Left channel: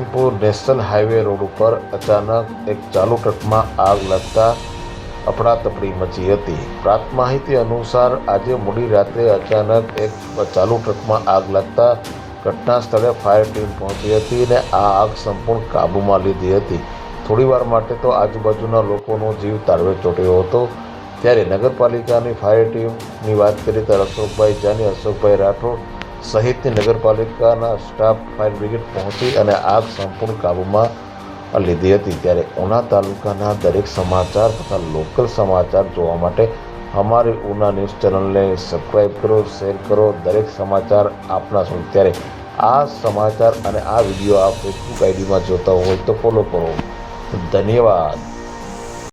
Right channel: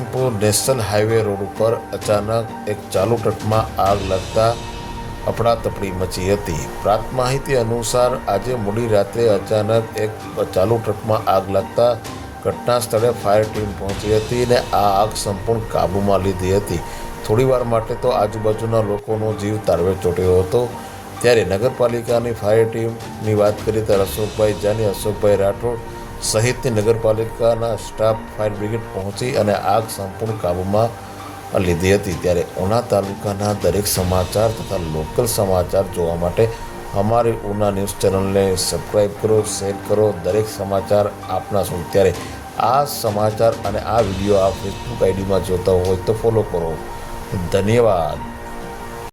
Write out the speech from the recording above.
જયસિંહપુર national highway road ઉપર અચાનક એક ચાલુ ટ્રકમાં આગ લાગતા અફડાતફડી મચી હતી। પ્રાપ્ત માહિતી અનુસાર આજે મોડી રાત્રે અચાનક એક ચાલુ ટ્રકમાં આગ લાગતા ઘટના સ્થળે ફાયર ટીમ પહોંચી હતી અને આ આગ સંપૂર્ણ કાબૂમાં લીધી હતી। થોડીવાર માટે તો આજુબાજુના લોકોનો જીવ તાળવે ચોંટ્યો હતો। ત્યારે નગરપાલિકાની ફાયર ટીમની વાત કરીએ તો અશોકભાઈ જાની, અશોકભાઈ રાઠોડ સહિતની નગરપાલિકાના સ્ટાફ ફાયર બ્રિગેડ પહોંચી અને આગ સંપૂર્ણ કાબૂમાં લીધી હતી। ત્યારે ઉના તાલુકાના દરેક સમાચાર તથા લોકલ સમાચાર જોવા માટે અમારી ઉના ન્યૂઝ ચેનલને સબસ્ક્રાઈબ કરો, શેર કરો। દરેક સમાચાર આપના શું ત્યારે આ સમાચાર અને આ વિડીયો આપ ફેસબુક આઈડીમાં જોતા હોય તો ફોલો કરો। ધન્યવાદ।